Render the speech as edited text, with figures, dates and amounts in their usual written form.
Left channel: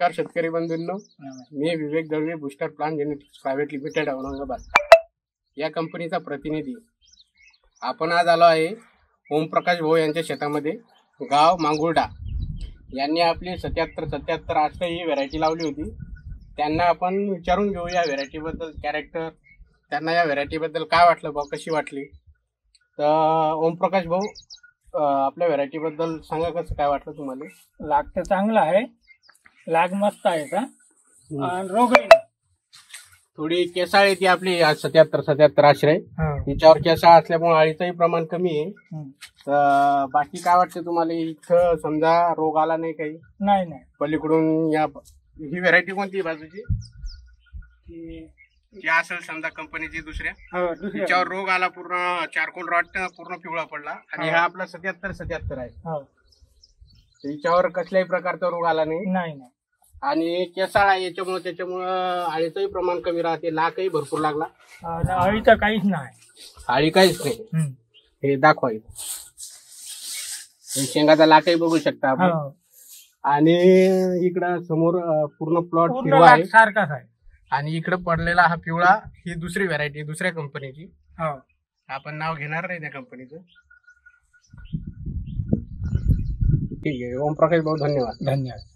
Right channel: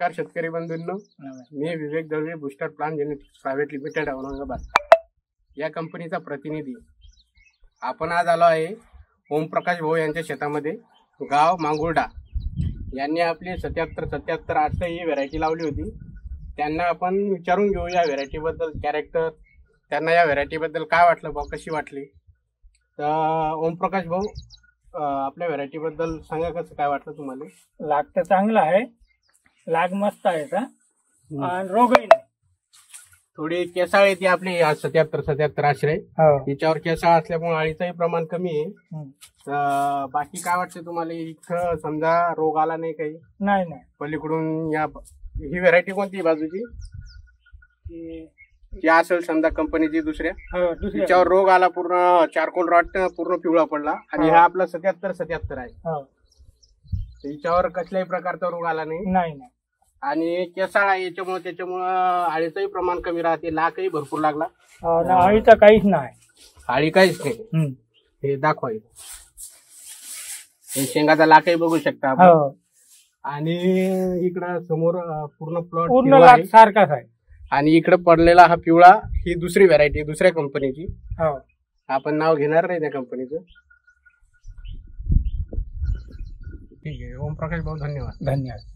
नमस्कार शेतकरी बंधूंनो, मी Vivek Dalvi, booster plant genetics private limited Aurangabad या कंपनीचा प्रतिनिधी. आपण आज आलो आहे ओमप्रकाश भाऊ यांच्या शेतामध्ये, गाव मांगुर्डा. यांनी आपली 77-77 ही व्हरायटी लावली होती. त्यांना आपण विचारून घेऊ या व्हरायटीबद्दल, कॅरेक्टर, त्यांना या व्हरायटीबद्दल काय वाटलं बा, कशी वाटली. तर ओमप्रकाश भाऊ, आपल्या व्हरायटीबद्दल सांगा, कसं काय वाटलं तुम्हाला. लाग तर चांगला आहे, लाग मस्त आहे का, आणि रोगही नाही. थोडी केसाळ येते आपली 77-77 आश्रय. तिच्यावर केसाळ असल्यामुळे अळीचंही प्रमाण कमी आहे. तर बाकी काय वाटतं तुम्हाला, इथं समजा रोग आला नाही काही? नाही. पलीकडून ही व्हरायटी कोणती बाजूची जी असेल समजा कंपनीची दुसऱ्या, तिच्यावर रोग आला, पूर्ण चारकोल रॉट पूर्ण पिवळा पडला, आणि हा आपला 77-77 आहे. तिच्यावर कसल्याही प्रकारचा रोग आला नाही. आणि केसाळा त्याच्यामुळं अळीचंही प्रमाण कमी राहते, लाखही भरपूर लागला. अळीचं काहीच नाही, अळी काहीच नाही. हे दाखवा, शेंगाचा लाखही बघू शकता आपण. आणि इकडं समोर पूर्ण प्लॉट पिवळा आहे, सारखाच आहे. आणि इकडे पडलेला हा पिवळा, ही दुसरी व्हरायटी, दुसऱ्या कंपनीची. आपण नाव घेणार नाही त्या कंपनीचं. ठीक आहे ओमप्रकाश भाऊ, धन्यवाद.